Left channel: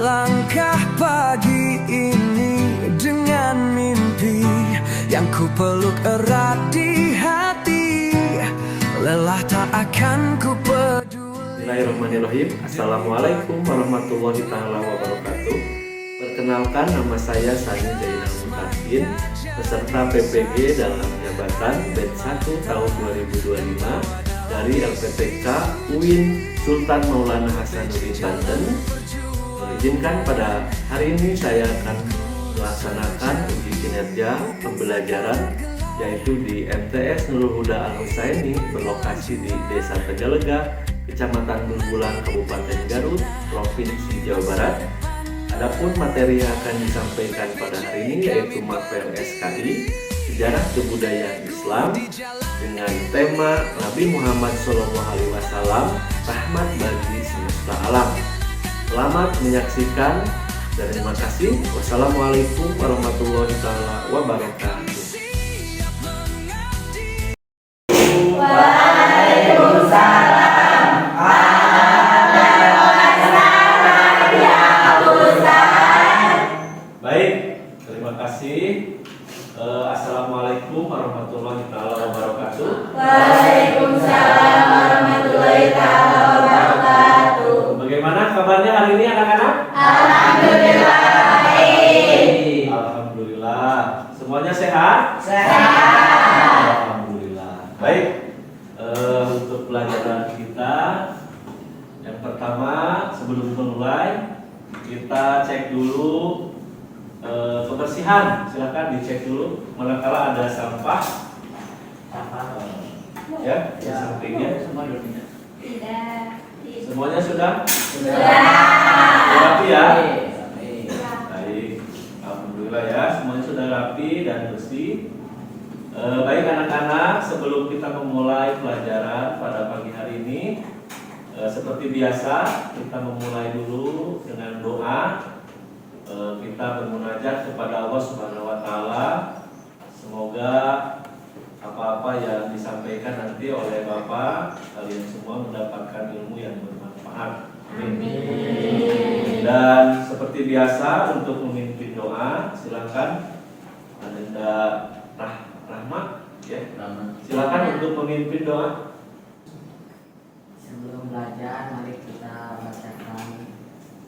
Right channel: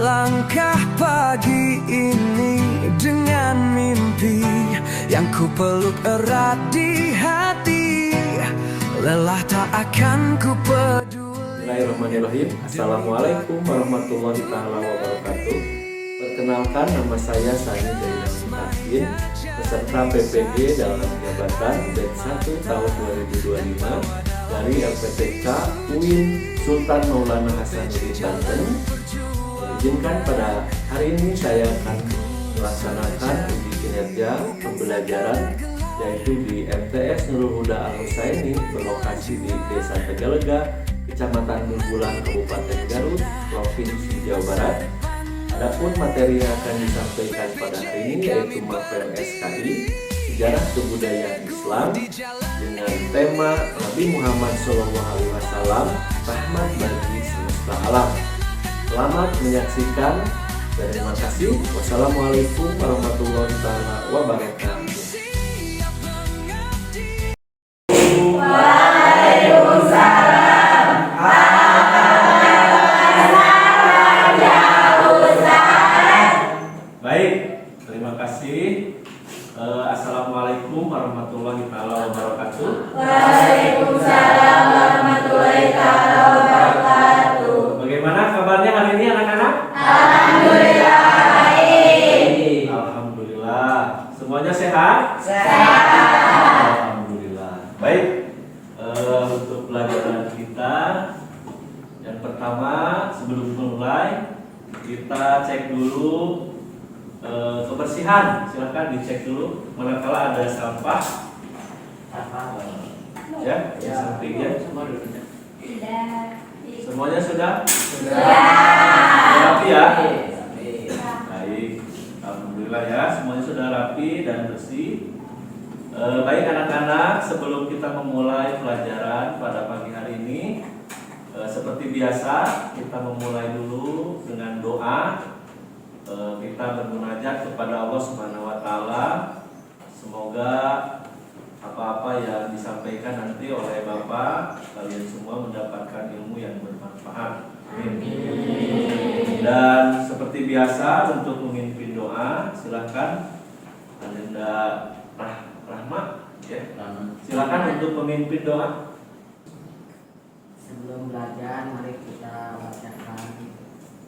Melangkah pagi ini dengan mimpi yang ku peluk erat di hati. Lelah tak akan ku peduli. Bismillahirrahmanirrahim. Assalamualaikum warahmatullahi taala wabarakatuh. Perkenalkan, nama saya Sani Zainal Mutakin, peserta PPG dalam jabatan Batch 1 tahun 2025 dari LPTK UIN Sultan Maulana Hasanuddin Banten. Izinkan pada hari ini saya akan melaksanakan uji kinerja pembelajaran yaitu di MTS Nurul Huda Al Husaini berlokasi di Desa Tegalega, Kecamatan Bulbulan, Kabupaten Garut, Provinsi Jawa Barat. Adapun materi yang akan disampaikan pada hari ini yaitu Mapel SKI Sejarah Kebudayaan Islam dengan tema Nabi Muhammad SAW rahmat bagi semesta alam. Selamat menyaksikan dan terima kasih. Wassalamualaikum warahmatullahi wabarakatuh. Baik, terima kasih. Assalamualaikum warahmatullahi wabarakatuh. Waalaikumsalam warahmatullahi wabarakatuh. Bagaimana kabarnya hari ini anak-anak? Alhamdulillah baik. Alhamdulillah. Semuanya sehat? Sehat. Alhamdulillah. Baik. Untuk pelajaran kita yang pertama, sebelum mulai kita cek dulu kebersihan. Silakan dicek dulu manakala ada sampah. Ya, yang sampingnya semua dulunya. Semuanya sudah? Rapi ya? Baik, alhamdulillah ya, semuanya sudah rapi dan bersih. Baik anak-anak, sebelum kita memulai pelajaran pada pagi hari ini, seperti biasa kita memulai dulu dengan doa. Kita bermunajat kepada Allah Subhanahu wa taala. Semoga apa-apa yang disampaikan nanti oleh Bapak, kalian semua mendapatkan ilmu yang bermanfaat. Amin. Dan seperti biasa untuk memimpin doa, silakan Anda Rahma, ya. Silakan untuk memimpin doa. Sebelum belajar, mari kita bacakan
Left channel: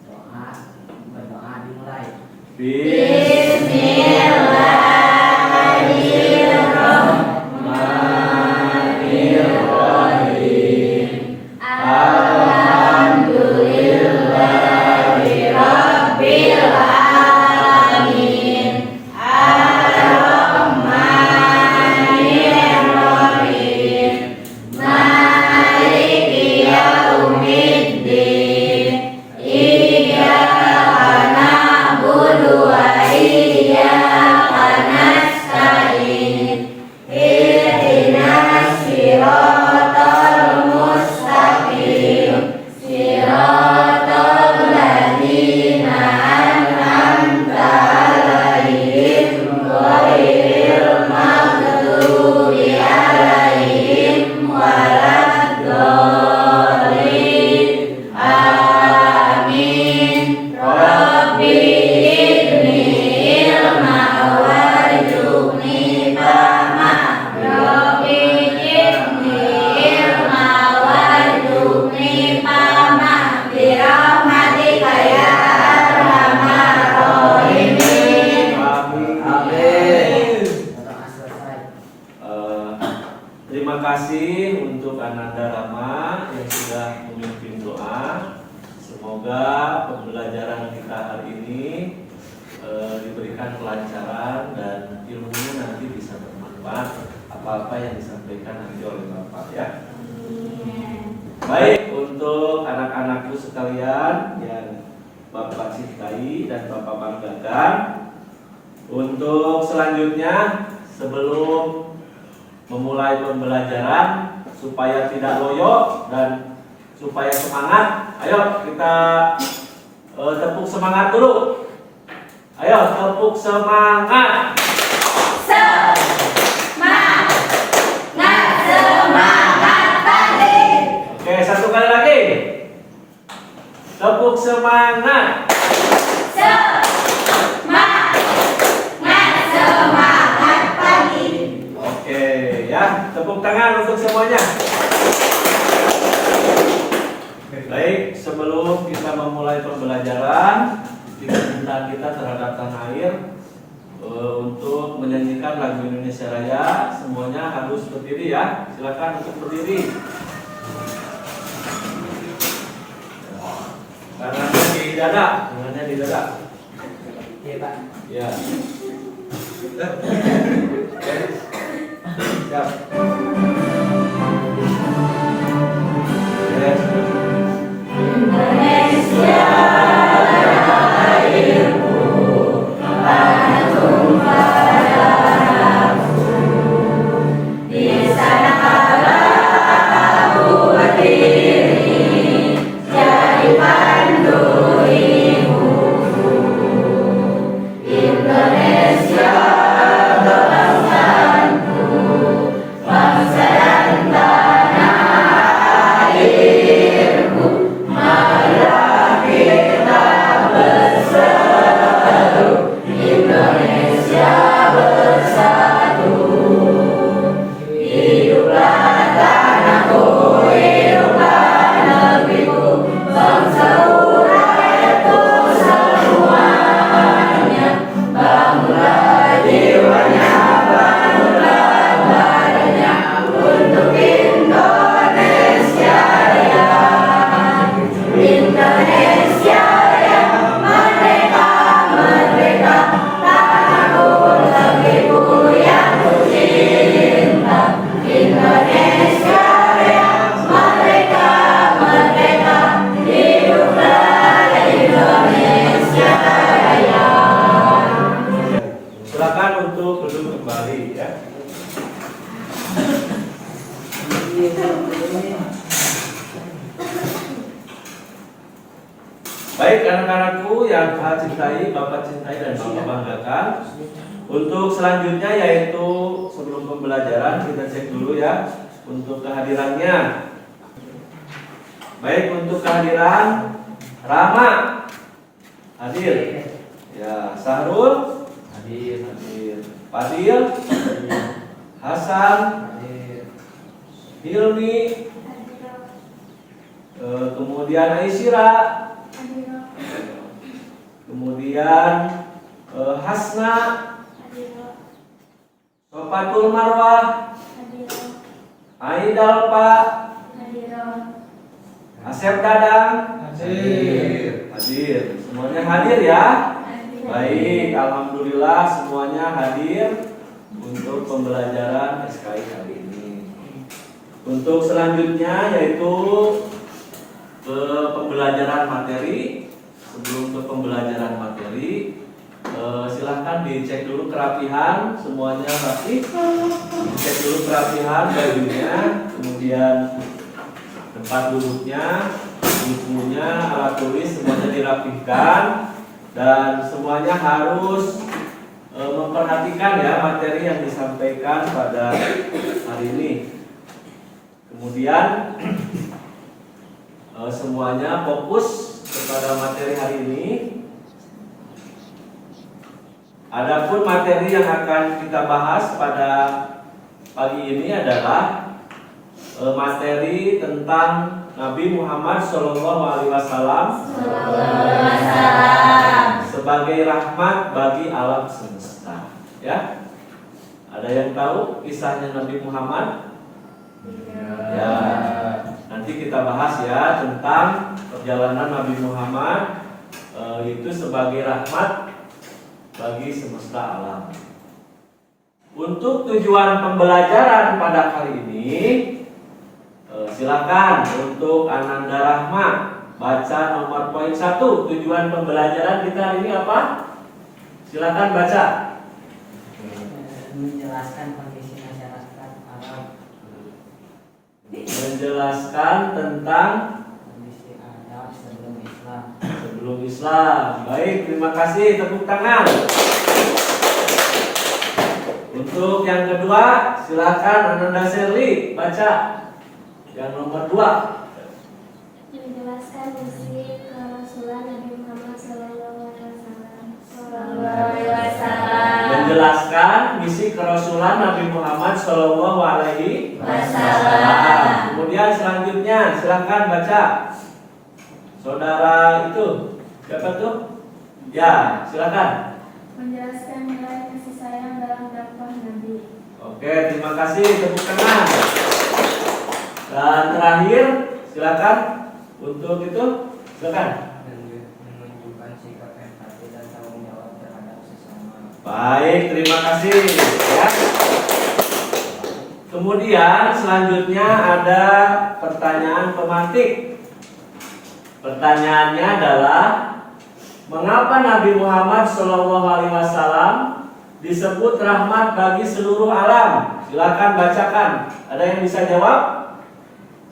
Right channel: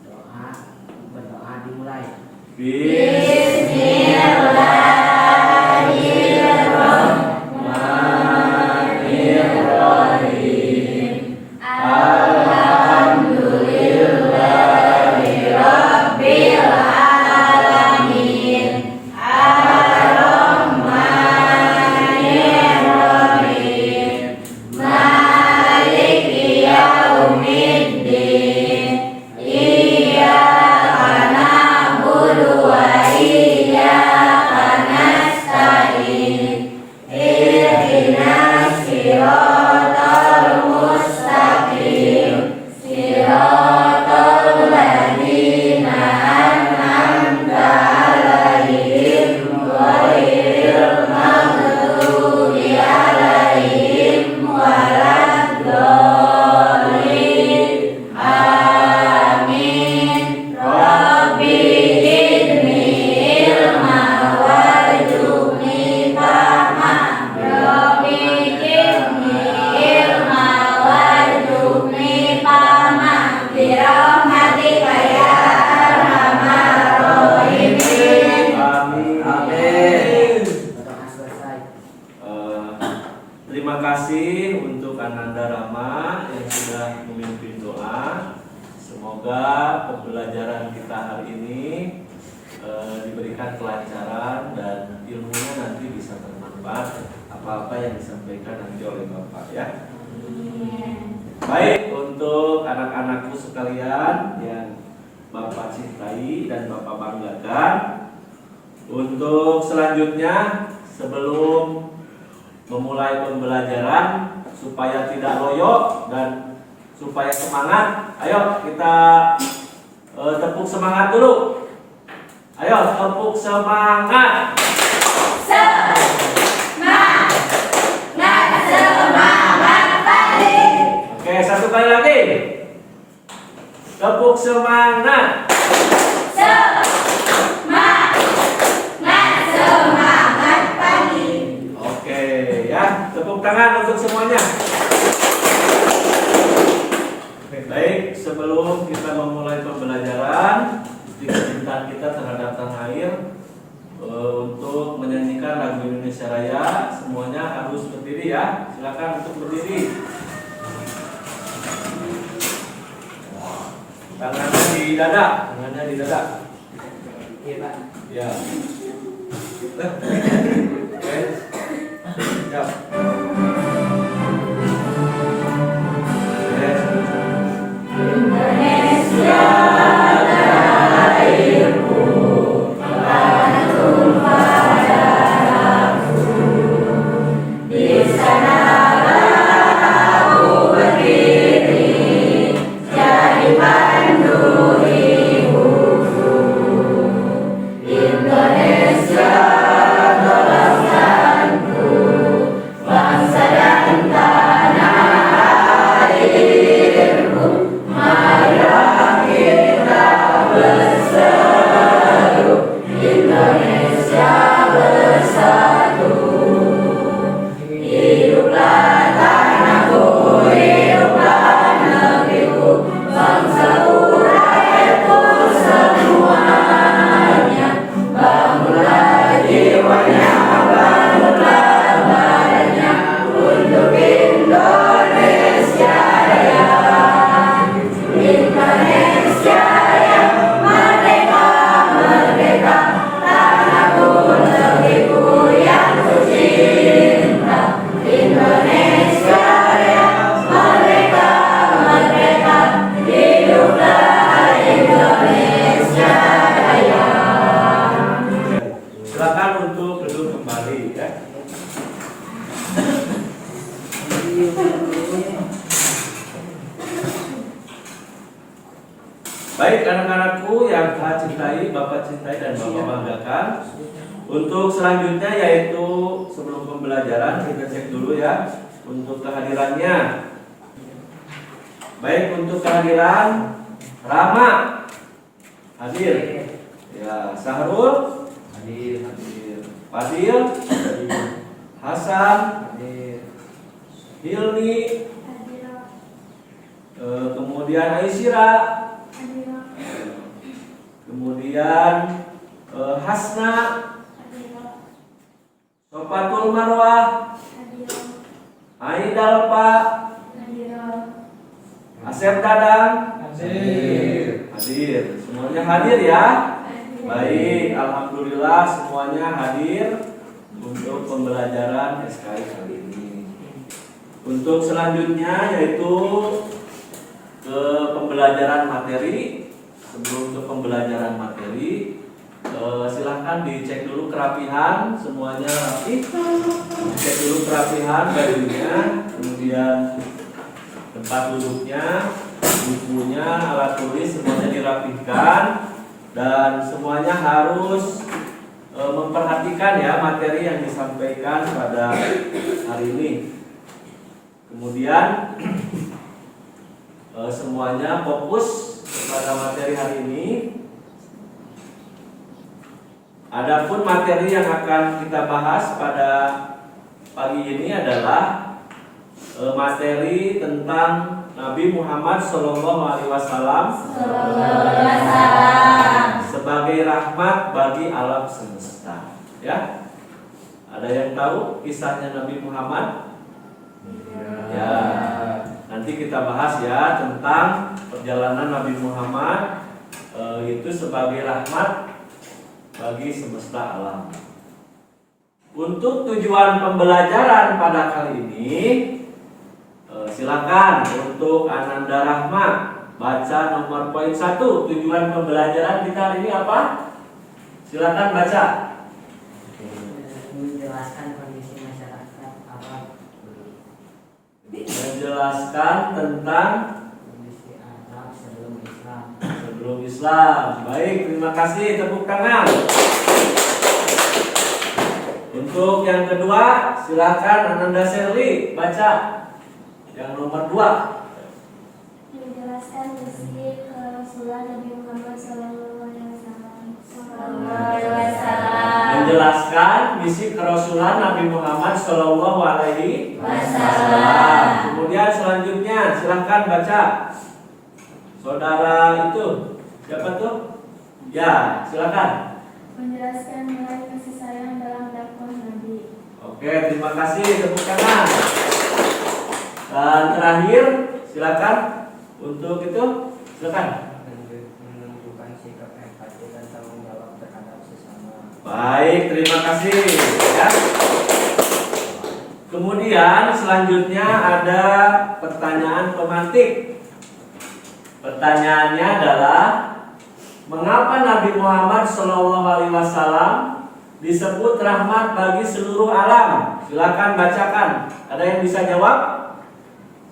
doa. Berdoa dimulai. Bismillahirrahmanirrahim. Alhamdulillahirabbil alamin. Ar-Rahmanirrahim. Maliki yaumiddin. Iyyaka na'budu wa iyyaka nasta'in. Ihdinas siratal mustaqim. Siratal ladzina an'amta 'alaihim ghairil maghdubi 'alaihim waladdallin. Amin. Rabbi zidni ilma warzuqni fahma. Rabbi zidni ilma warzuqni fahma. Birahmatika ya arhamar rahimin. Amin. Doa selesai. Terima kasih untuk Ananda Rama yang sudah memimpin doa. Semoga pembelajaran kita hari ini diberikan kelancaran dan ilmunya nanti bisa bermanfaat apa-apa yang disampaikan nanti oleh Bapak ya. Baik, untuk anak-anakku sekalian yang Bapak cintai dan Bapak banggakan, untuk selanjutnya sebelum memulai pembelajaran supaya tidak loyo dan supaya semangat, ayo kita tepuk semangat dulu. Ayo tepuk semangat. Semangat tadi. Oke, satu kali lagi. Tepuk semangat. Semangat pagi. Oke, ya, tepuk tangan untuk semuanya. Baik, sebelum kita memulai pembelajaran, kecintaan kita terhadap tanah air, untuk menyanyikan lagu Indonesia Raya, semuanya harus berdiri ya. Silakan untuk berdiri. Tangannya di dada, tangannya di dada. Iya Pak. Ya. Oke. Siap. Yes. Indonesia lahirku, Bandung padaku. Di sanalah aku berdiri, jadi pandu hidupku. Indonesia bangsaku, bangsa dan tanah airku. Marilah kita berseru, Indonesia bersatu. Hiduplah tanahku, hiduplah negeriku, bangsaku, rakyatku semuanya. Bangunlah jiwanya, bangunlah badannya untuk Indonesia Raya. Indonesia yang merdeka, merdeka, tanahku, negeriku yang ku cinta. Indonesia yang merdeka, merdeka, hiduplah Indonesia Raya. Silakan untuk duduk kembali ya. Baik anak-anakku yang saya cintai, Bapak cintai dan Bapak banggakan. Untuk selanjutnya yaitu sebelum pembelajaran kita cek dulu ya untuk kehadirannya. Baik, untuk kehadiran Rama hadir. Ya, Sahrul Hadir. hadir. Fadil, Hasan, Hilmi, kemudian Aisyira, kemudian Hasna, Sofatul Marwah, Aidal Pak, Asep Dadang, hadir. Semuanya hadir ya. Baik, alhamdulillah semuanya hadir untuk pembelajaran SKI kali ini. Untuk selanjutnya yaitu ke pembelajaran materi. Sebelum ke pembelajaran materi, silahkan dicek dulu kerapihan, semuanya rapi. Dicek dulu kerapihan bajunya, kemudian tempat duduknya, bukunya, alat tulis semuanya dirapihkan. Dan semuanya harus memperhatikan ya materi yang disampaikan pada hari ini. Kemudian semuanya fokus kepada materi hari ini. Adapun materi yang akan kita bahas pada pagi ini adalah materi tentang Nabi Muhammad SAW sebagai rahmat bagi alam semesta. Ya, ada yang tahu kisahnya Nabi Muhammad? Ya, nanti kita bahas ya tentang perjalanan Nabi Muhammad itu sebagai rahmat bagi semesta alam. Untuk tujuan pembelajaran pada kali ini, silakan untuk Ananda Rahmat baca nomor poin 1. Tujuan pembelajaran kita hari ini apa? Silakan baca. Menjelaskan kondisi masyarakat Arab. Menjelaskan tentang Kondisi Arab sebelum Islam. sebelum Islam. Baik, terima kasih, tepuk tangan. Untuk yang kedua, silakan Ananda Sherly baca yang nomor 2. Menjelaskan misi kerasulan Nabi Muhammad SAW menjelaskan misi kerasulan Nabi Muhammad Shallallahu Alaihi Wasallam. Kemudian selanjutnya silahkan baca. Saudara itu siapa tuh? Ya, silakan. Menjelaskan nilai kasih sayang dalam dakwah Nabi. Oke, terima kasih, tepuk tangan. Dan terakhir, silakan untuk itu, silakan. Menunjukkan sikap empati dan tanggung jawab terhadap sesama. Baik, terima kasih. Ya. Kemudian selanjutnya ada pertanyaan pemantik. Pertanyaannya adalah, mengapa Nabi Muhammad SAW disebut rahmat bagi seluruh alam? Silakan bacakan. Ada yang bisa jawab?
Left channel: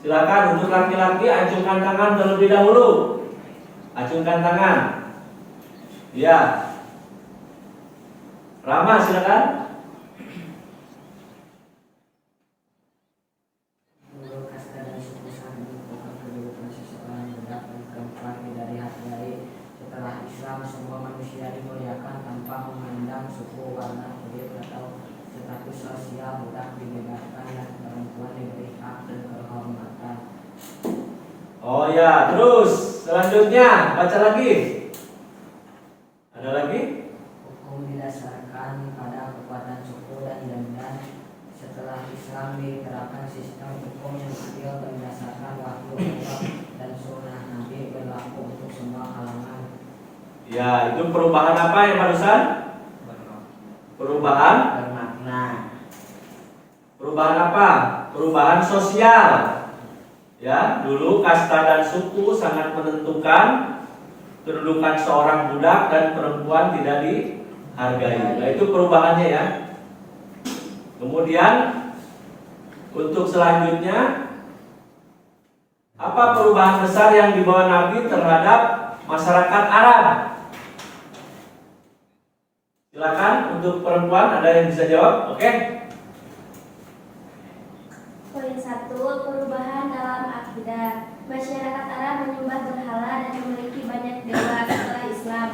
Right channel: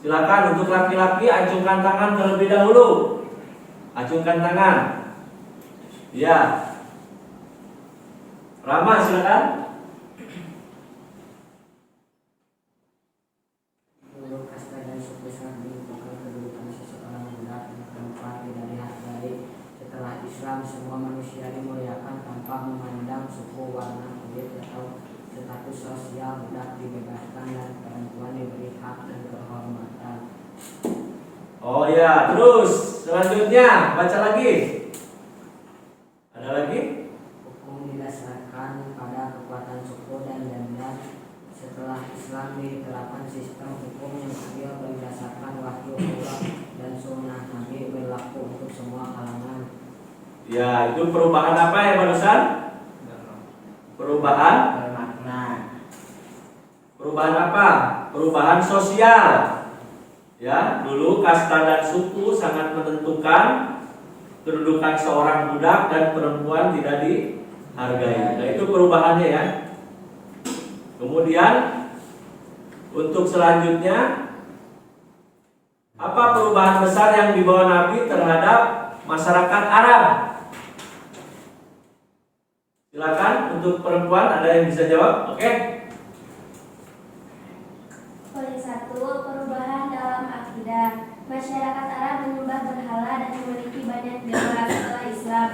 Silakan untuk laki-laki acungkan tangan terlebih dahulu. Acungkan tangan. Ya. Rama silakan. Guru kasta dan suku sangat menentukan kedudukan seseorang budak dan perempuan dari hati baik. Setelah Islam, semua manusia dimuliakan tanpa memandang suku, warna kulit atau status sosial. Budak dibebaskan dan perempuan diberi hak dan kehormatan. Oh ya, terus selanjutnya baca lagi. Ada lagi? Hukum didasarkan pada kekuatan suku dan gender. Setelah Islam diterapkan sistem hukum yang adil berdasarkan wahyu Allah dan sunnah Nabi berlaku untuk semua kalangan. Ya, itu perubahan apa ya barusan? Perubahan? Bermakna. Perubahan apa? Perubahan sosial. Ya, dulu kasta dan suku sangat menentukan kedudukan seorang budak dan perempuan tidak dihargai. Nah, itu perubahannya ya. Kemudian untuk selanjutnya, apa perubahan besar yang dibawa Nabi terhadap masyarakat Arab? Silakan untuk perempuan, ada yang bisa jawab? Oke. Poin 1, perubahan dalam akidah. Masyarakat Arab menyembah berhala dan memiliki banyak dewa setelah Islam.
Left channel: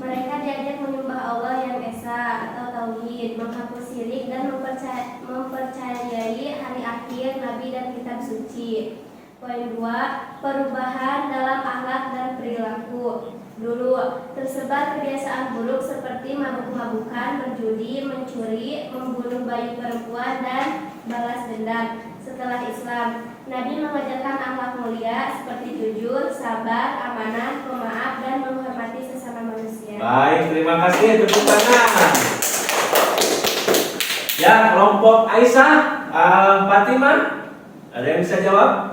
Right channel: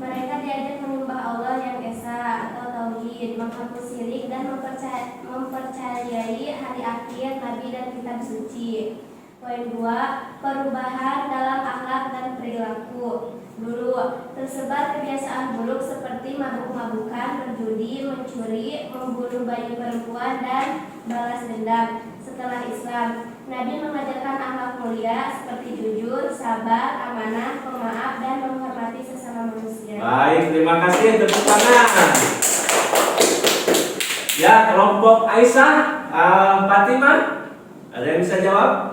Mereka diajak menyembah Allah yang esa atau tauhid, menghapus syirik dan mempercayai hari akhir, nabi dan kitab suci. Poin 2, perubahan dalam akhlak dan perilaku. Dulu tersebar kebiasaan buruk seperti mabuk-mabukan, berjudi, mencuri, membunuh bayi perempuan dan balas dendam. Setelah Islam, Nabi mengajarkan akhlak mulia seperti jujur, sabar, amanah, pemaaf dan menghormati sesama manusia. Baik, terima kasih, tepuk tangan. Ya, kelompok Aisyah, Fatimah, ada yang bisa jawab?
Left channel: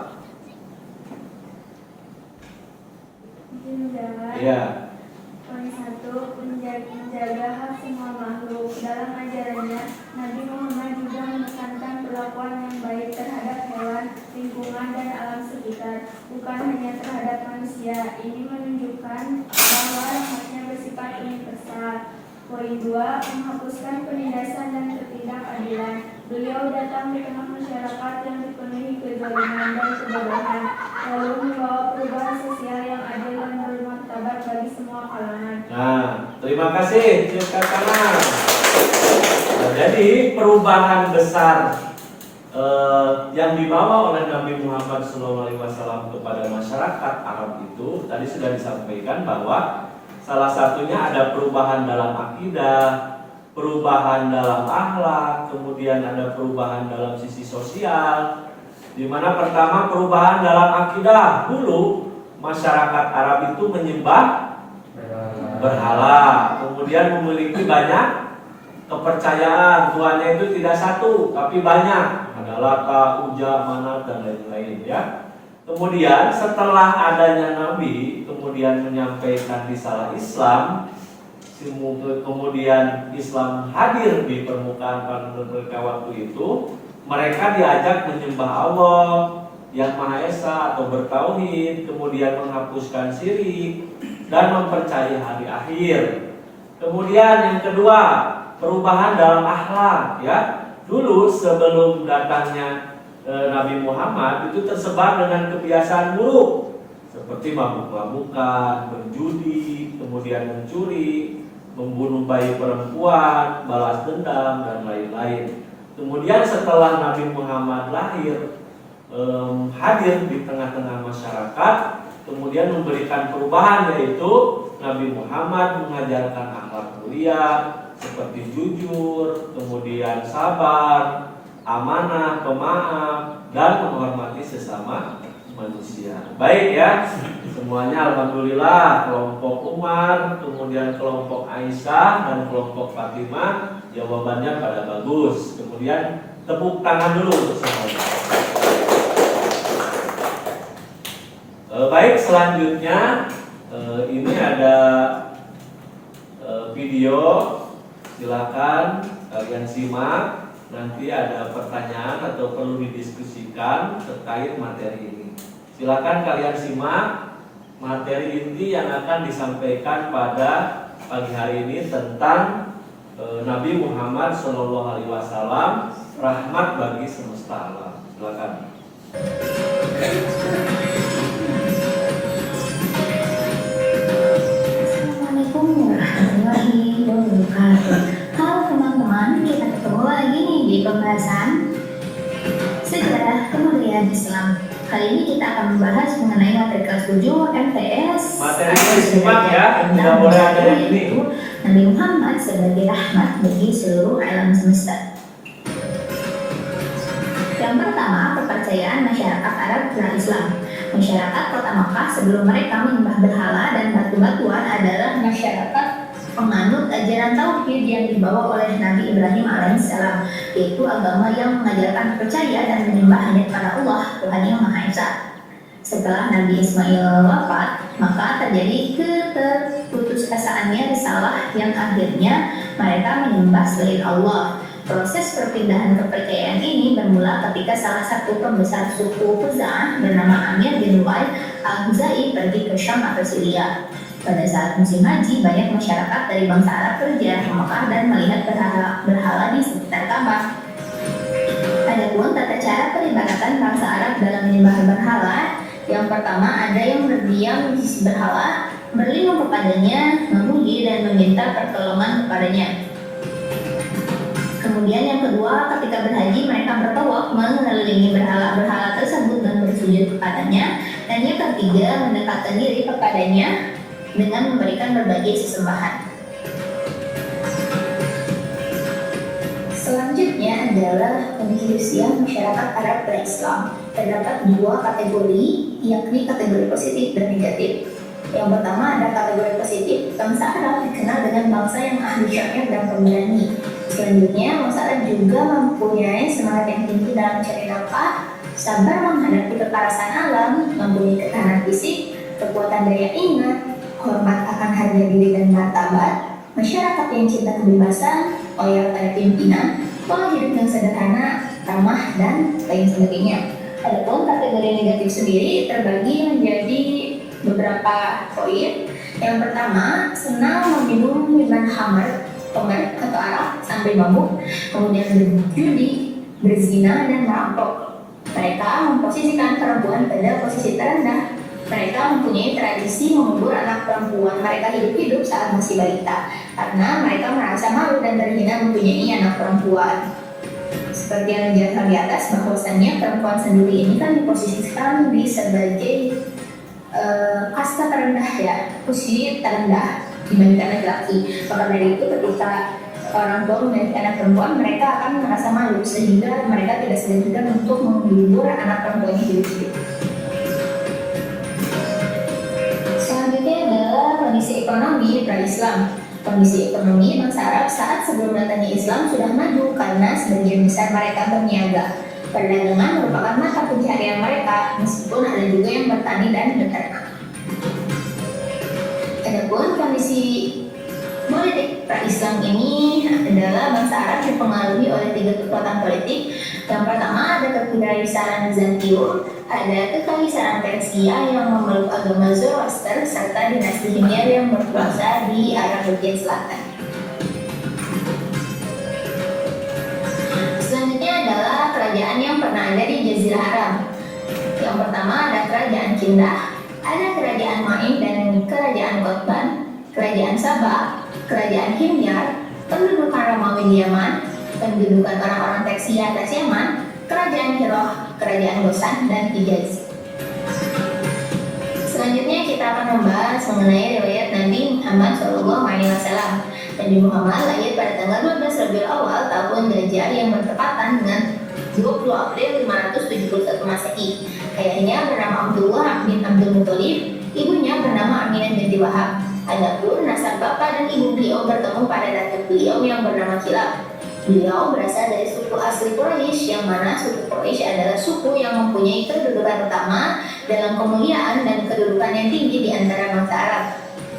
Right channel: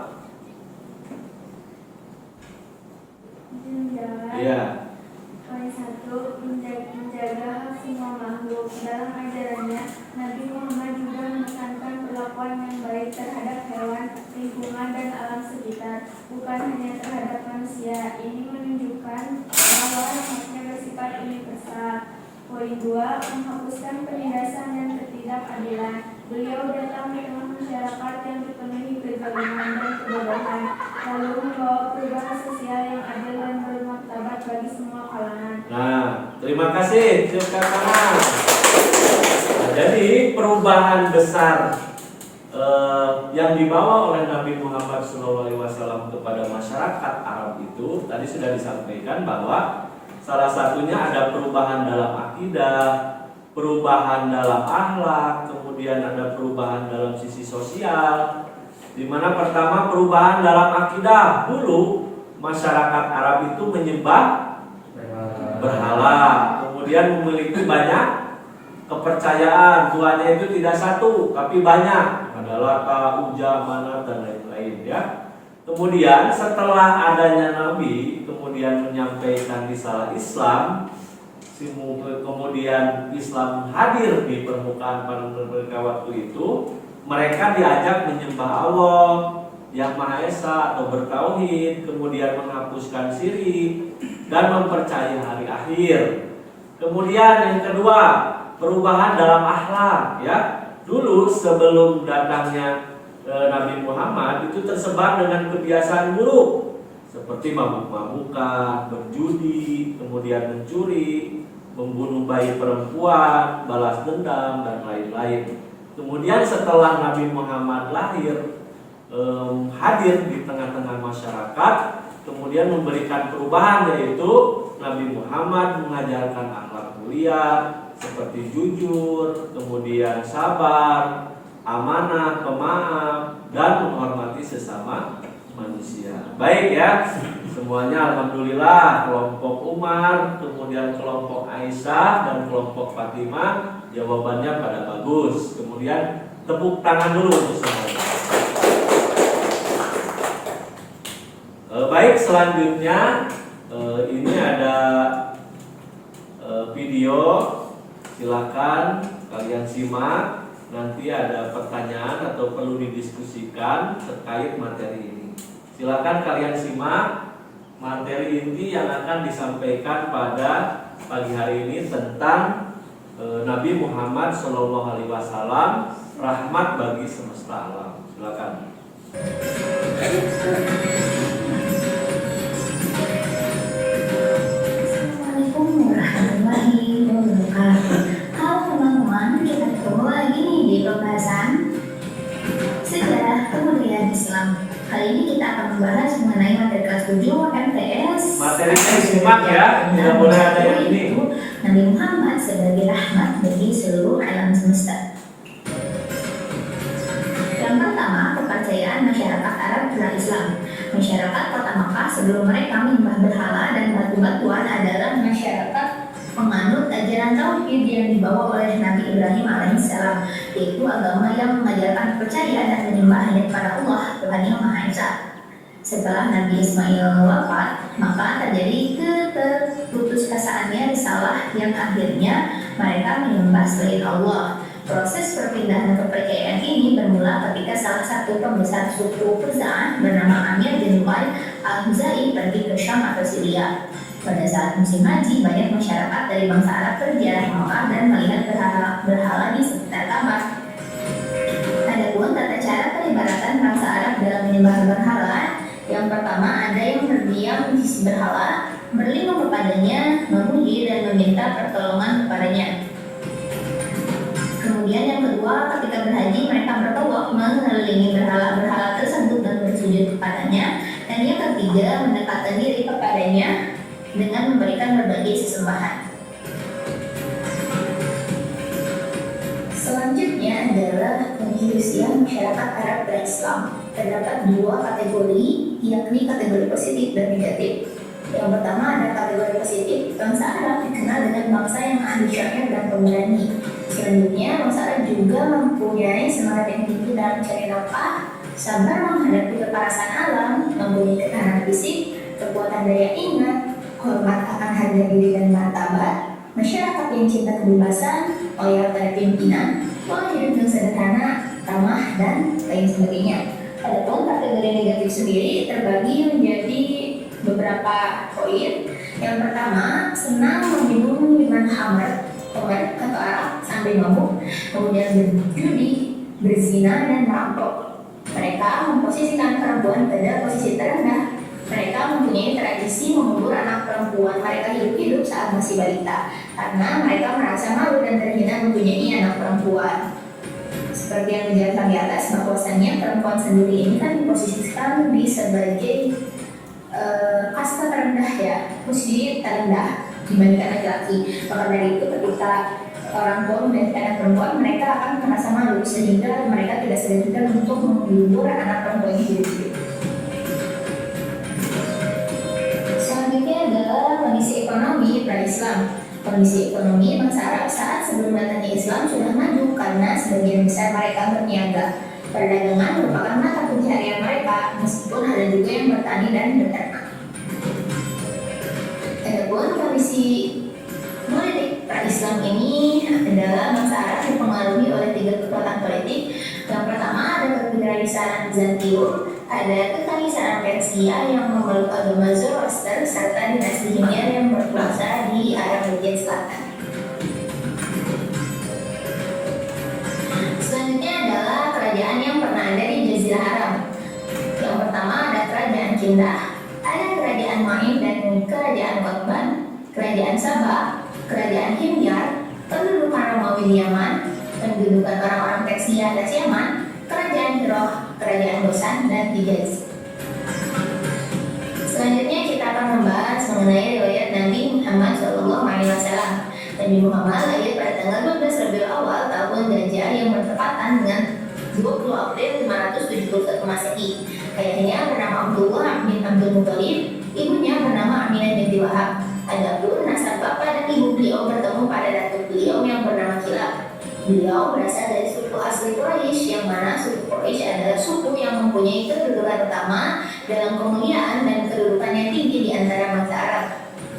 Iya. Poin 1, menjaga hak semua makhluk. Dalam ajarannya, Nabi Muhammad juga menekankan perlakuan yang baik terhadap hewan, lingkungan, dan alam sekitar, bukan hanya terhadap manusia. Ini menunjukkan bahwa rahmatnya bersifat universal. Poin 2, menghapuskan penindasan dan ketidakadilan. Beliau datang di tengah masyarakat yang dipenuhi kezaliman dan kebodohan, lalu membawa perubahan sosial yang adil dan bermartabat bagi semua kalangan. Nah, terima kasih, tepuk tangan. Nah, jadi perubahan besar yang dibawa oleh Nabi Muhammad SAW kepada masyarakat Arab itu tadi sudah disampaikan bahwa salah satunya ada perubahan dalam akidah, perubahan dalam akhlak, kemudian ada perubahan dalam sisi sosial. Di mana pertama perubahan dalam akidah. Dulu masyarakat Arab itu menyembah berhala, kemudian memiliki banyak kepercayaan. Tuhannya itu tidak satu, tapi banyak. Ada Lata, Uja, Manat, dan lain-lain ya. Kemudian setelah adanya Nabi kemudian menyampaikan risalah Islam, kemudian Islam hadir di permukaan pada mereka waktu itu, mereka diajak menyembah Allah yang Maha Esa atau bertauhid, kemudian menghapuskan syirik dan mempercayai hari akhir. Kemudian yang kedua, perubahan dalam akhlak ya. Dulu sebelum datangnya Nabi Muhammad itu tersebar dengan kebiasaan buruk seperti mabuk-mabukan, berjudi, kemudian mencuri membunuh bayi perempuan, balas dendam, dan lain-lain. Kemudian setelah Nabi Muhammad lahir, hadir di tengah-tengah masyarakat, kemudian memberikan perubahan, yaitu Nabi Muhammad mengajarkan akhlak mulia seperti jujur, kemudian sabar, amanah, pemaaf, dan menghormati sesama manusia. Baik ya, semuanya alhamdulillah. Kelompok Umar, kemudian kelompok Aisyah, dan kelompok Fatimah jawabannya pada bagus. Kemudian tepuk tangan dulu untuk semuanya. Baik, selanjutnya ini ada video, silakan kalian simak. Nanti ada pertanyaan atau perlu didiskusikan terkait materi ini. Silakan kalian simak materi inti yang akan disampaikan pada pagi hari ini tentang Nabi Muhammad SAW, rahmat bagi semesta alam. Silakan. Assalamualaikum warahmatullahi wabarakatuh. Halo teman-teman, kita ketemu lagi nih di pembahasan sejarah kemuliaan Islam. Kali ini kita akan membahas mengenai materi kelas 7 MTS. Materinya disimak ya, tidak boleh ada yang ini. Nabi Muhammad sebagai rahmat bagi seluruh alam semesta. Yang pertama, kepercayaan masyarakat Arab pra-Islam. Masyarakat kota Makkah sebelum mereka menyembah berhala dan batu-batuan adalah masyarakat penganut ajaran tauhid yang dibawa oleh Nabi Ibrahim alaihissalam, yaitu agama yang mengajarkan percaya dan menyembah hanya kepada Allah, Tuhan yang Maha Esa. Setelah Nabi Ismail wafat, maka terjadi keterputusasaannya risalah yang akhirnya mereka menyembah selain Allah. Proses perpindahan kepercayaan ini bermula ketika salah satu pembesar suku Khuza'ah bernama Amir bin Lu'ay al-Khuzai pergi ke Syam atau Syria. Pada saat musim haji, banyak masyarakat dari bangsa Arab berziarah ke Mekah dan melihat berhala di sekitar Ka'bah. Adapun tata cara peribadatan bangsa Arab dalam menyembah berhala, yang pertama ada yang berdiam di sisi berhala, berlindung kepadanya, memuji dan meminta pertolongan kepadanya. Kemudian yang kedua, ketika berhaji mereka bertawaf mengelilingi berhala-berhala tersebut dan bersujud kepadanya. Dan yang ketiga, mendekatkan diri kepadanya dengan memberikan berbagai sesembahan. Selanjutnya adalah pendiskusian masyarakat Arab pra-Islam. Terdapat dua kategori, yakni kategori positif dan negatif. Yang pertama ada kategori positif. Bangsa Arab dikenal dengan bangsa yang ahli syair dan pemberani. Selanjutnya, bangsa Arab juga mempunyai semangat yang tinggi dalam mencari nafkah, sabar menghadapi kekerasan alam, mempunyai ketahanan fisik, kekuatan daya ingat, hormat akan harga diri dan martabat, masyarakat yang cinta kebebasan, loyal pada pimpinan, pola hidup yang sederhana, ramah, dan lain sebagainya. Adapun kategori negatif sendiri terbagi menjadi beberapa poin. Yang pertama, senang meminum minuman khamar atau arak sampai mabuk, kemudian berjudi, berzina, dan merampok. Mereka memposisikan perempuan pada posisi terendah. Mereka mempunyai tradisi mengubur anak perempuan mereka hidup-hidup saat masih balita, karena mereka merasa malu dan terhina mempunyai anak perempuan. Seperti yang dijelaskan di atas, bahwasannya perempuan sendiri ini kan diposisikan di sebagai kasta terendah ya, posisi terendah dibandingkan laki-laki. Maka dari itu ketika orang tua memiliki anak perempuan, mereka akan merasa malu sehingga mereka tidak segan-segan untuk mengubur anak perempuan ini hidup-hidup. Selanjutnya adalah kondisi ekonomi pra-Islam. Kondisi ekonomi bangsa Arab saat sebelum datangnya Islam sudah maju karena sebagian besar mereka berniaga. Perdagangan merupakan mata pencaharian mereka, meskipun ada juga yang bertani dan beternak. Adapun kondisi politik pra-Islam ini adalah bangsa Arab dipengaruhi oleh tiga kekuatan politik. Yang pertama ada kekaisaran Bizantium, ada kekaisaran Persia yang memeluk agama Zoroaster, serta dinasti Himyar yang berkuasa di Arab bagian selatan. Selanjutnya adalah kerajaan yang pernah ada di Jazirah Arab. Yang pertama ada kerajaan Kindah, ada kerajaan Ma'in dan kerajaan Qutban. kerajaan Sabah, kerajaan Himyar, pendudukan Romawi di Yaman, pendudukan orang-orang Persia atas Yaman, kerajaan Hiroh, kerajaan Gosan, dan Hijaz. Selanjutnya kita akan membahas mengenai riwayat Nabi Muhammad SAW. Nabi Muhammad lahir pada tanggal 12 Rabiul Awal tahun Gajah yang bertepatan dengan 20 April 571 Masehi. Ayahnya bernama Abdullah bin Abdul Muthalib, ibunya bernama Aminah binti Wahab. Adapun nasab bapak dan ibu beliau bertemu pada datuk beliau yang bernama Kilab. Beliau berasal dari suku asli Quraisy, yang mana suku Quraisy adalah suku yang mempunyai kedudukan utama dalam kemuliaan dan kedudukan yang tinggi di antara bangsa Arab.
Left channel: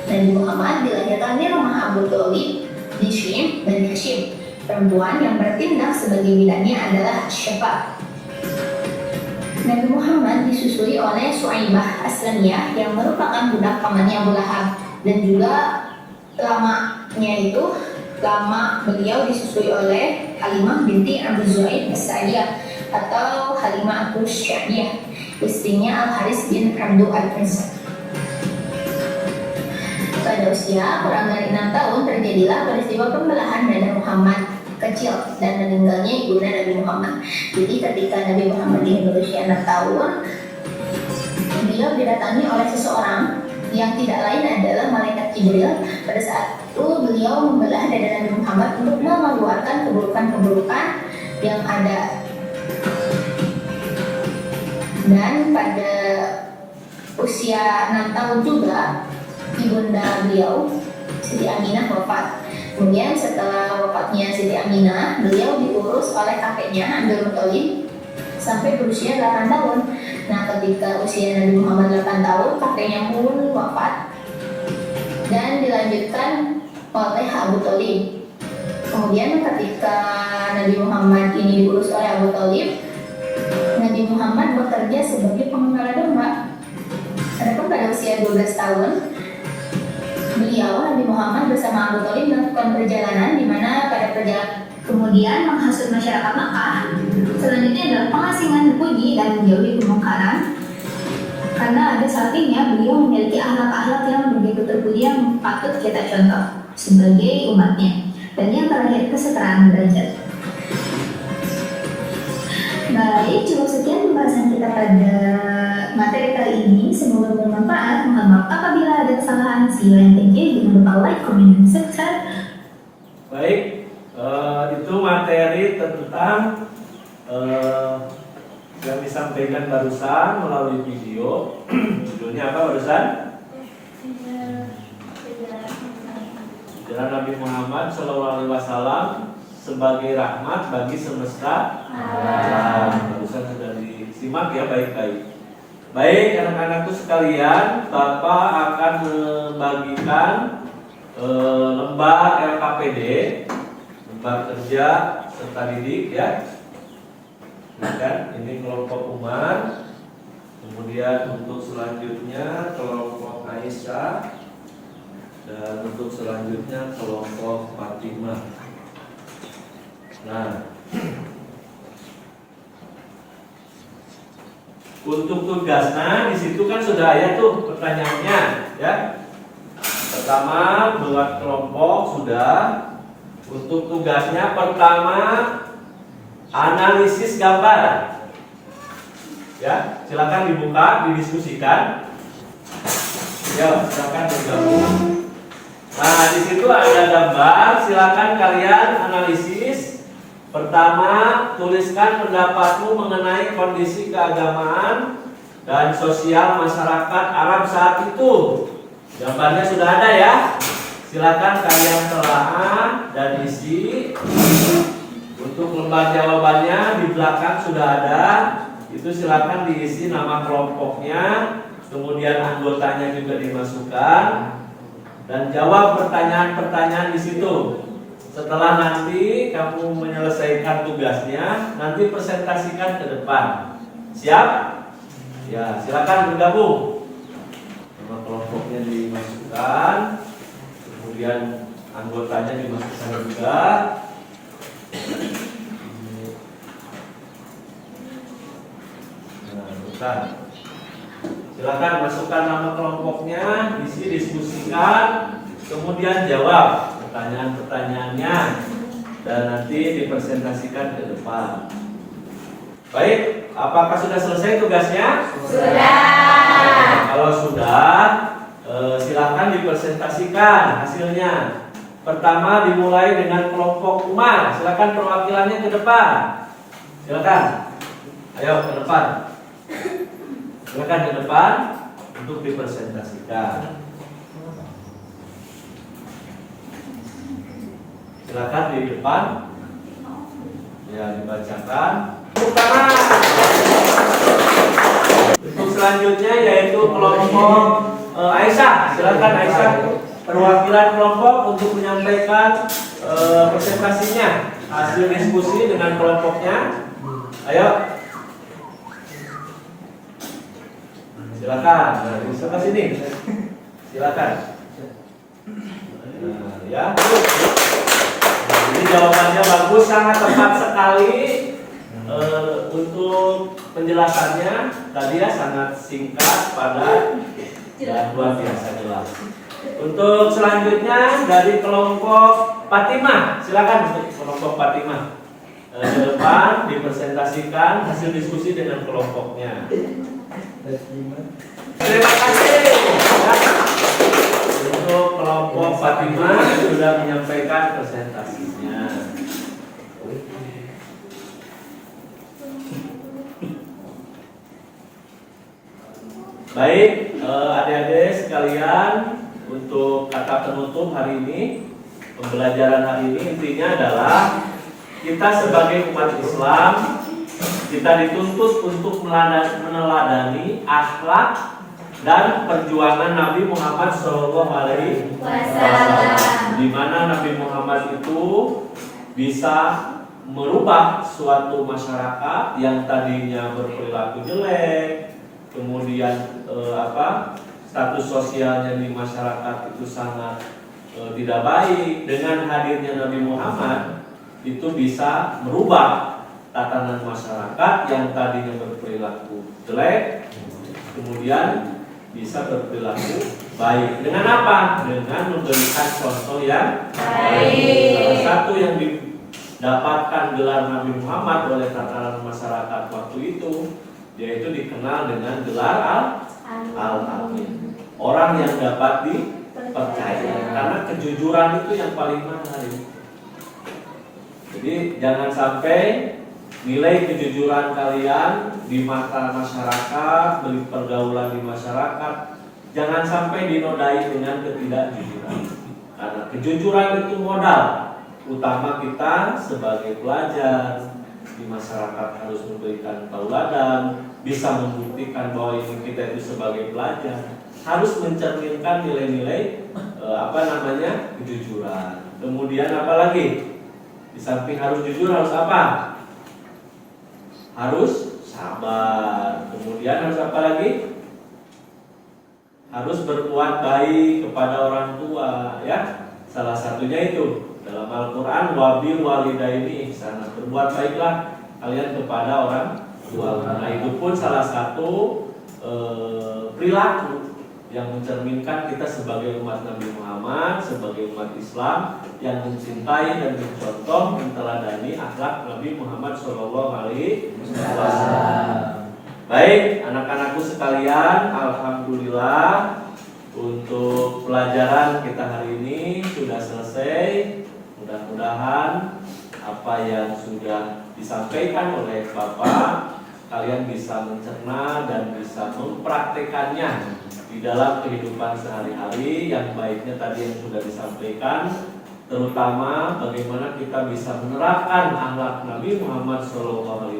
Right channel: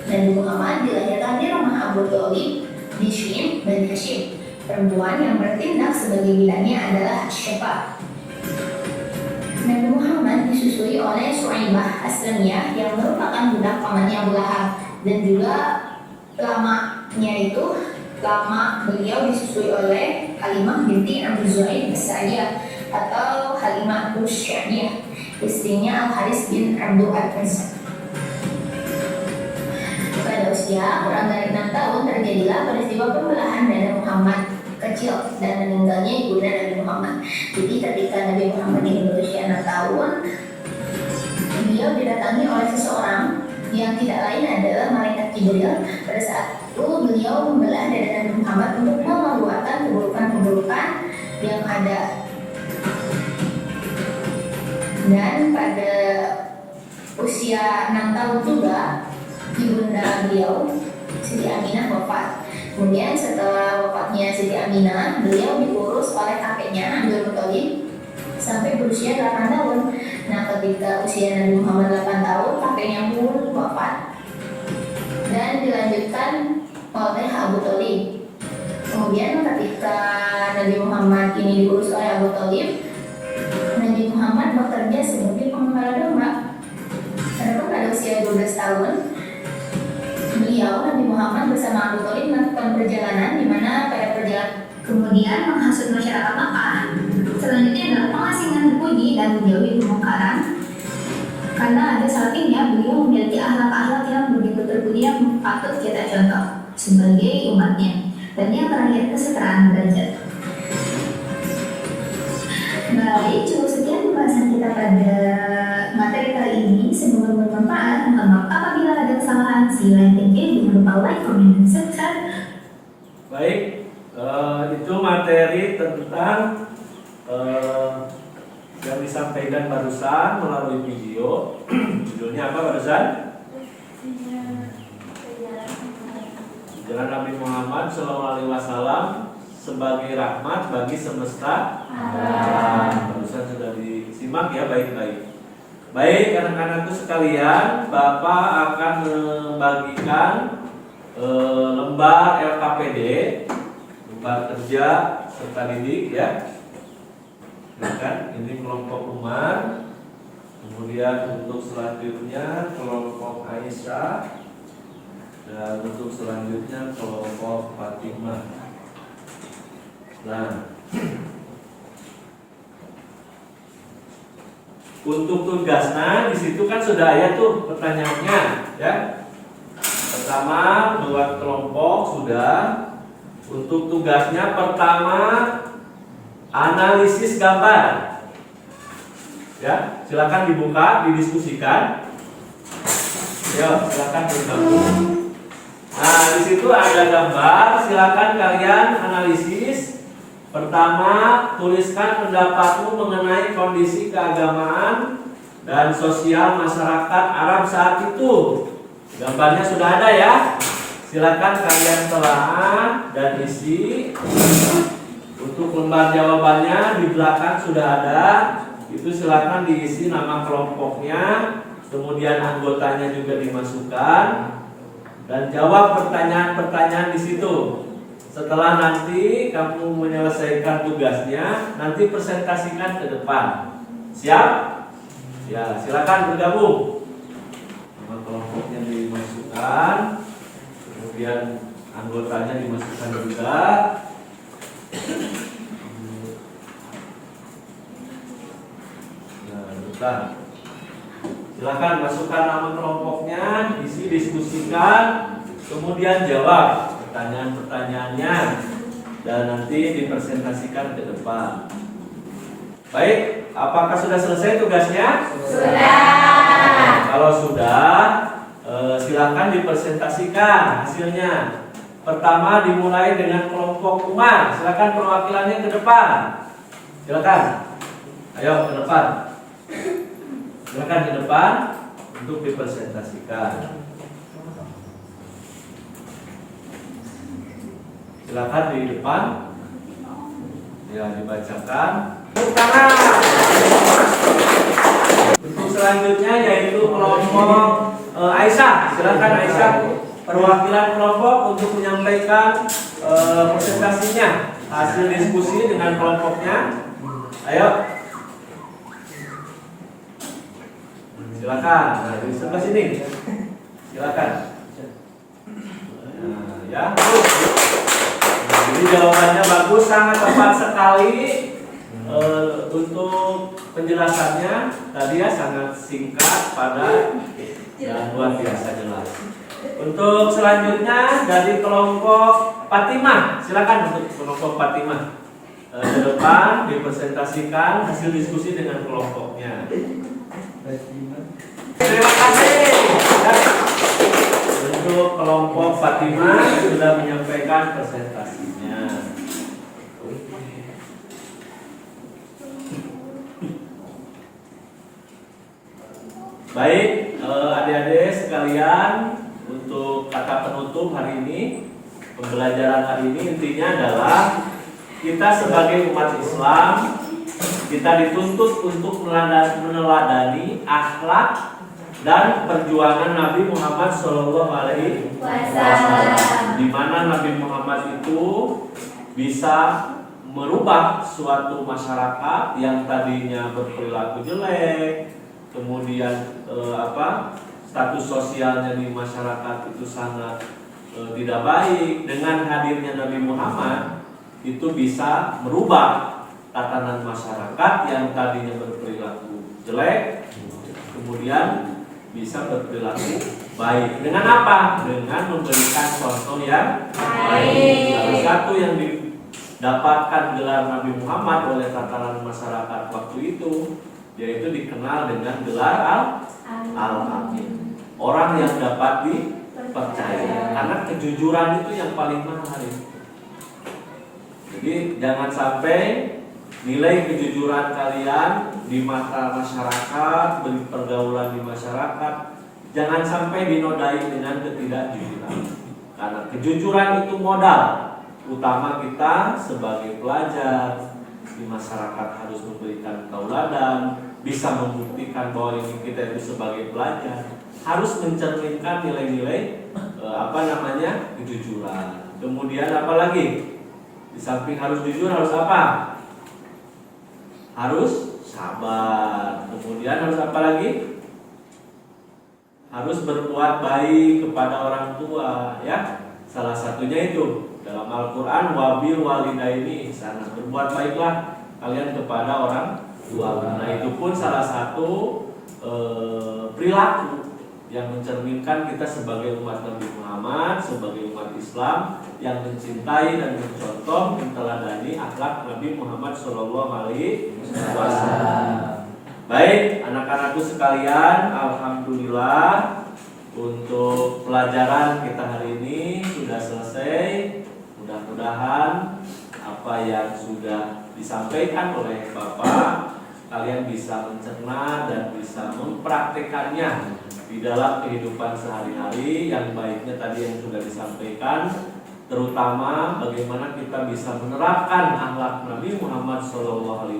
Nabi Muhammad dilahirkan di rumah Abu Thalib di Syim dan Hashim. Perempuan yang bertindak sebagai bidannya adalah Syafa. Nabi Muhammad disusui oleh Suaibah Aslamiyah yang merupakan budak pamannya Abu Lahab, dan juga lama beliau disusui oleh Halimah binti Abu Zuhaib As-Sa'diyah atau Halimah Asy-Sya'diyah, istrinya Al-Haris bin Abdul Al-Uzza. Pada usia kurang dari 6 tahun terjadilah peristiwa pembelahan dada Muhammad kecil dan meninggalnya ibunda Nabi Muhammad. Jadi ketika Nabi Muhammad ini berusia 6 tahun, beliau didatangi oleh seseorang yang tidak lain adalah malaikat Jibril. Pada saat itu beliau membelah dada Nabi Muhammad untuk mengeluarkan keburukan-keburukan yang ada. Dan pada usia 6 tahun juga ibunda beliau Siti Aminah wafat. Kemudian setelah wafatnya Siti Aminah, beliau diurus oleh kakeknya Abdul Muthalib sampai berusia 8 tahun. Nah, ketika usia Nabi Muhammad 8 tahun, kakeknya pun wafat dan dilanjutkan oleh Abu Thalib. Kemudian ketika Nabi Muhammad ini diurus oleh Abu Thalib, Nabi Muhammad bekerja sebagai pengembala domba. Adapun pada usia 12 tahun, beliau Nabi Muhammad bersama Abu Thalib melakukan perjalanan di mana pada perjalanan kemudian menghasut masyarakat Makkah. Selanjutnya adalah pengasingan puji dan menjauhi kemungkaran. Karena ada saltingnya beliau memiliki akhlak-akhlak yang begitu terpuji yang patut kita contoh sebagai umatnya. Dan yang terakhir, kesetaraan derajat. Baik, cukup sekian pembahasan kita pada materi kali ini. Semoga bermanfaat. Mohon maaf apabila ada kesalahan. See you and thank you. Jangan lupa like, comment, dan subscribe. Baik, itu materi tentang yang disampaikan barusan melalui video. Judulnya apa barusan? Jalan Nabi Muhammad SAW sebagai rahmat bagi semesta alam. Barusan sudah disimak ya, baik-baik. Baik, anak-anakku sekalian, Bapak akan membagikan lembar LKPD, lembar kerja serta didik ya. Kan ini kelompok Umar, kemudian untuk selanjutnya kelompok Aisyah, dan untuk selanjutnya kelompok Fatimah. Nah, untuk tugasnya di situ kan sudah ada tuh pertanyaannya ya. Pertama buat kelompok sudah. Untuk tugasnya pertama analisis gambar. Ya, silakan dibuka, didiskusikan. Ya, silakan bergabung. Nah, di situ ada gambar, silakan kalian analisis. Pertama, tuliskan pendapatmu mengenai kondisi keagamaan dan sosial masyarakat Arab saat itu. Gambarnya sudah ada ya. Silakan kalian telaah dan isi. Untuk lembar jawabannya di belakang sudah ada. Itu silakan diisi nama kelompoknya, kemudian anggotanya juga dimasukkan, dan jawab pertanyaan-pertanyaan di situ. Setelah nanti kamu menyelesaikan tugasnya, nanti presentasikan ke depan. Siap? Ya, silakan bergabung. Nama kelompoknya dimasukkan, kemudian anggotanya dimasukkan juga. Nah, bukan. Silakan masukkan nama kelompoknya, isi diskusikan. kemudian jawab pertanyaan-pertanyaannya dan nanti dipresentasikan ke depan. Baik, apakah sudah selesai tugasnya? Sudah. Kalau sudah, silakan dipresentasikan hasilnya. Pertama dimulai dengan kelompok Umar. Silakan perwakilannya ke depan. Silakan. Ayo ke depan. Silakan ke depan untuk dipresentasikan. Silakan di depan. Ya, dibacakan. Untuk selanjutnya yaitu kelompok Aisyah. Silakan Aisyah, perwakilan kelompok untuk menyampaikan presentasinya, hasil diskusi dengan kelompoknya. Ayo. Silakan. Nah, sebelah sini. Silakan. Nah, ya. Jadi jawabannya bagus, sangat tepat sekali. Untuk penjelasannya tadi ya sangat singkat, padat, dan luar biasa jelas. Untuk selanjutnya dari kelompok Fatimah, silakan untuk kelompok Fatimah ke depan dipresentasikan hasil diskusi dengan kelompoknya. Terima kasih. Untuk kelompok Fatimah sudah menyampaikan presentasinya. Baik, adik-adik sekalian, untuk kata penutup hari ini, pembelajaran hari ini intinya adalah kita sebagai umat Islam, kita dituntut untuk meneladani akhlak dan perjuangan Nabi Muhammad SAW, di mana Nabi Muhammad itu bisa merubah suatu masyarakat yang tadinya berperilaku jelek, kemudian status sosialnya di masyarakat itu sangat tidak baik. Dengan hadirnya Nabi Muhammad itu bisa merubah tatanan masyarakat yang tadinya berperilaku jelek, kemudian bisa berperilaku baik. Dengan apa? Dengan memberikan contoh yang baik. Salah satu yang didapatkan gelar Nabi Muhammad oleh tatanan masyarakat waktu itu, yaitu dikenal dengan gelar Al-Amin, orang yang dapat dipercaya, karena kejujuran itu yang paling mahal. Jadi jangan sampai nilai kejujuran kalian di mata masyarakat, di pergaulan di masyarakat, jangan sampai dinodai dengan ketidakjujuran, karena kejujuran itu modal utama kita sebagai pelajar di masyarakat. Harus memberikan tauladan, bisa membuktikan bahwa ini kita itu sebagai pelajar, harus mencerminkan nilai-nilai kejujuran. Kemudian apalagi? Di samping harus jujur, harus apa? Harus sabar. Kemudian harus apa lagi? Harus berbuat baik kepada orang tua, ya. Salah satunya itu dalam Al-Quran, wabil walidaini ihsana, berbuat baiklah kalian kepada orang tua. Nah, itu pun salah satu perilaku yang mencerminkan kita sebagai umat Nabi Muhammad, sebagai umat Islam yang mencintai dan mencontoh, menteladani akhlak Nabi Muhammad SAW. Baik, anak-anakku sekalian, alhamdulillah untuk pelajaran kita hari ini sudah selesai. Mudah-mudahan apa yang sudah disampaikan oleh Bapak kalian bisa mencerna dan bisa mempraktekannya di dalam kehidupan sehari-hari. Yang baiknya tadi yang sudah disampaikan, terutama bagaimana kita bisa menerapkan akhlak Nabi Muhammad SAW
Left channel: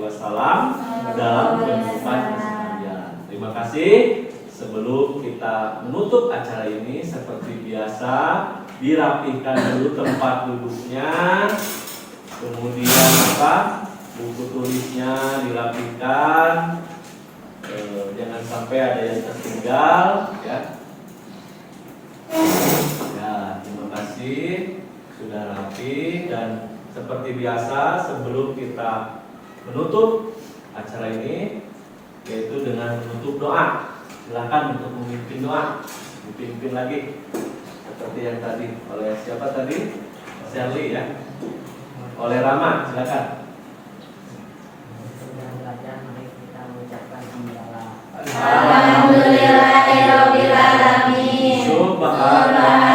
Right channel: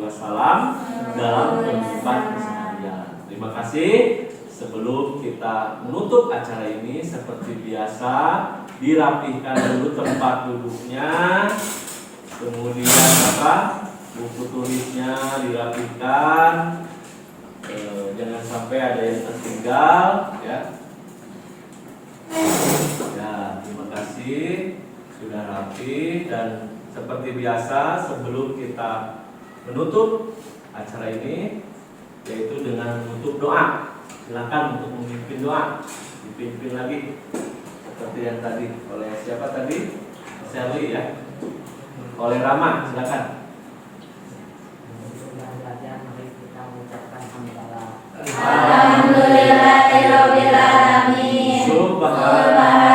dalam kehidupan keseharian. Terima kasih. Sebelum kita menutup acara ini, seperti biasa dirapihkan dulu tempat duduknya, kemudian buku tulisnya dirapihkan, jangan sampai ada yang tertinggal, ya. Ya, terima kasih sudah rapi. Dan seperti biasa sebelum kita menutup acara ini, yaitu dengan menutup doa. Silakan untuk memimpin doa, dipimpin lagi. seperti yang tadi oleh siapa tadi? Sally ya. Oleh Rama, silakan. Sebelum belajar, mari kita mengucapkan hamdalah. Alhamdulillahirabbil alamin. Subhanallah.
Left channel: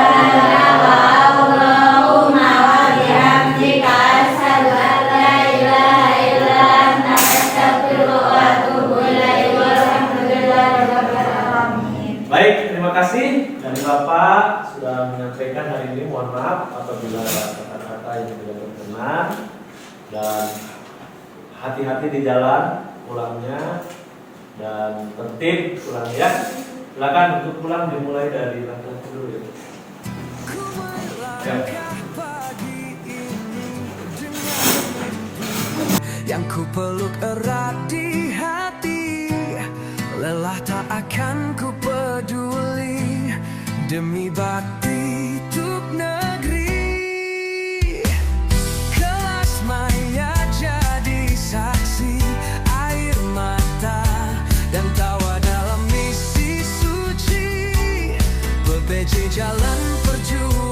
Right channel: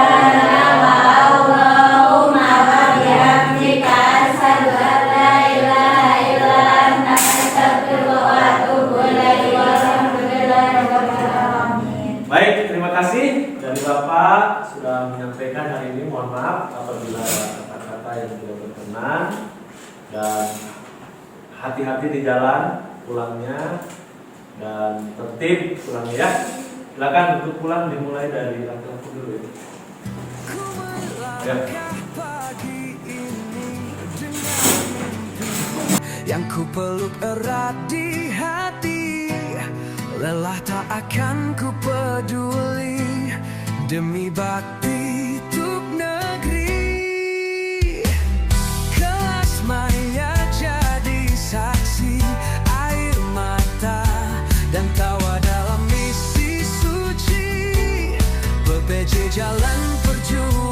Allahumma wa bihamdika asyhadu an la ilaha illa anta astaghfiruka wa atubu ilaik. Walhamdulillahirabbil alamin. Baik, terima kasih dari Bapak sudah menyampaikan hari ini. Mohon maaf apabila kata-kata yang tidak berkenan, dan hati-hati di jalan pulangnya dan tertib pulangnya ya. Silakan untuk pulang dimulai dari laki-laki dulu ya. Ku melangkah pagi ini dengan mimpi yang ku peluk erat di hati. Lelah tak akan ku peduli demi bakti untuk negeri. Kelas maya jadi saksi, air mata dan tawa dalam misi suci. PPJ jalan perjuangan